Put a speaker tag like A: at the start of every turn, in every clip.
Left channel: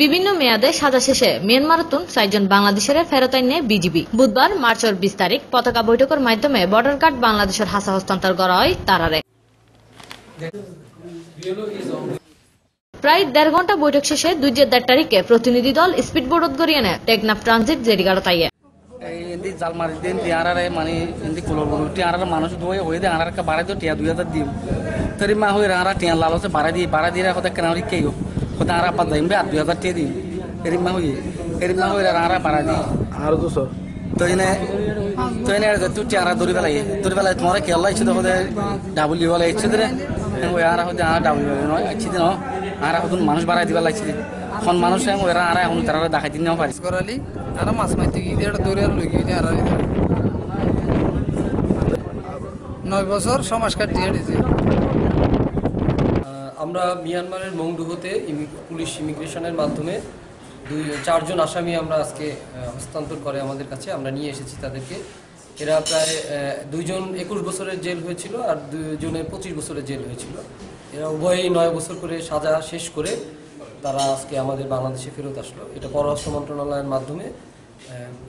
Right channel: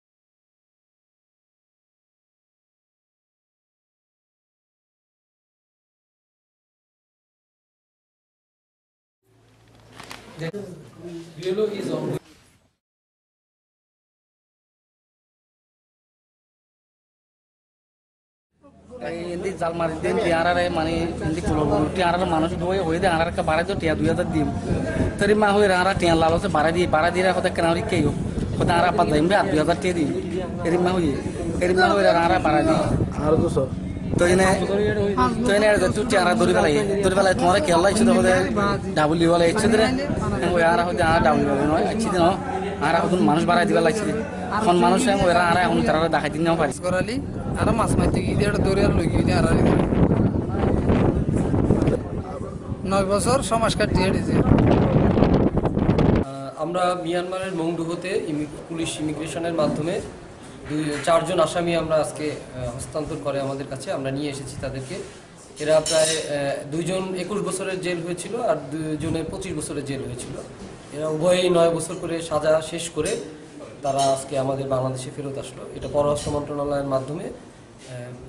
A: বিভিন্ন মেয়াদে সাজা শেষে মিয়ানমারতুন চারজন বাংলাদেশের ফেরত আইনে বিজিবি। বুধবার মার্চের বিশ তারিখ পতাকা বৈঠকের মাধ্যমে বর্ডার গার্ড বাংলাদেশের হাসা হস্তান্তর করা হয় তারারে। প্রায় দেড় ঘণ্টা বৈঠক শেষে দুই যে দেড় তারিখে প্রতিনিধি দল স্পিড স্পিডবোট গড়িয়ে টেকনাফ ট্রানজিট জেরিগাড় তাইয়ে।
B: এন্দি জাল মারি দেন টিয়ারারে মানে এন্দি কুলো মানুষ দুই হয়ে দে আনার বাড়াই তো টিয়া দুই হাজার দিম। তরি মা হয়ে রারা টিয়া লালসে বাড়াই দি বাড়াই দিয়ে হতে কেন কেও হতে আরা পাত দিম আর দুই হাজার টিয়া দিম। এরি মা হয়ে এরি মা হয়ে রারা বাড়াই দি
C: আর দুশো।
B: তো এনে তো এনে টিয়ারা দড়ি বেলাই তোমার কেলা ইচ্ছে হতে ডাবলি বলে ইচ্ছে দে ওই আরা হতে আরা ডাবলি বলে নয় ইচ্ছে দিন আরা হতুন মানুষ বাড়াই দিবার লাগছে এখন মানুষ ওই আরা এখন তারা দেখাই দিন পারিস।
D: করালি আর মাছ মারতে গিয়ে এটা দৌড়ে আর লই আর নয় বছর সমাজ কাটিয়ে দিয়েছে
E: আমরা মিয়ানমারের মংডুহতে পুলিশ ইমিগ্রেশনের মাধ্যমে দুই চারজন আসামি আমরা আজকে হস্তান্তর করে আমাদের কাছে। আমরা নিয়ে এসেছি তাদেরকে। এরা প্রায় দুইজন একুশ বছরের জেল হয়েছিল আর দুজনের পঁচিশ বছরের জেল হয়েছিল। এরা উভয়ই নয় বছর করে সাজা শেষ করে তারা আজকে আমাদের বাংলাদেশে ফেরত আসলো। এটা পররাষ্ট্র মন্ত্রণালয়ের মাধ্যমে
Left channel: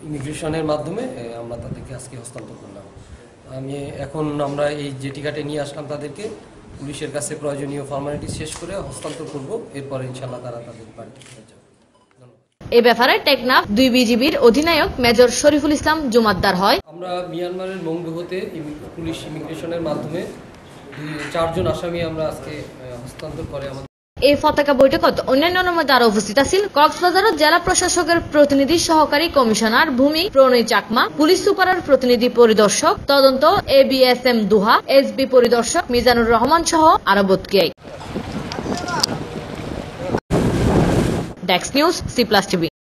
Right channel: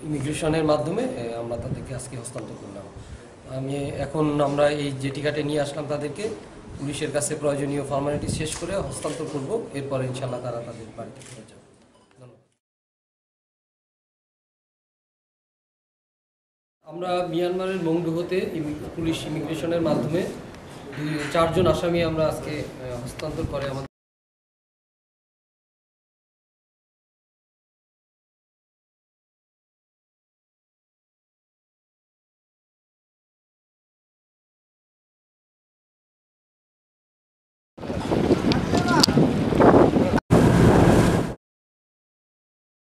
E: ইমিগ্রেশনের মাধ্যমে আমরা তাদেরকে আজকে হস্তান্তর করলাম। আমি এখন আমরা এই যে টিকাটে নিয়ে আসলাম তাদেরকে। পুলিশের কাছে প্রয়োজনীয় ফর্মালিটি শেষ করে হস্তান্তর করব। এরপরে ইনশাল্লাহ তারা তাদের বাড়িতে ফিরে যাবে।
A: এ ব্যাপারে টেকনাফ দুই বিজিবির অধিনায়ক মেজর শরীফুল ইসলাম জুমাদ্দার হয়।
E: আমরা মিয়ানমারের মংডুহতে হতে পুলিশ ইমিগ্রেশনের মাধ্যমে চারজন আসামি আমরা আজকে হস্তান্তর করে আমাদের
A: এই পতাকা বৈঠকত অন্যান্যের মধ্যে আরও উপস্থিত আছিল। কক্সবাজার জেলা প্রশাসকের প্রতিনিধি সহকারী কমিশনার ভূমি প্রণয় চাকমা, পুলিশ সুপারের প্রতিনিধি পরিদর্শক তদন্ত A B S M Duha, S B পরিদর্শক মিজানুর রহমান সহ আরও বতকিয়াই ডেক্স নিউজ, সি প্লাস টিভি।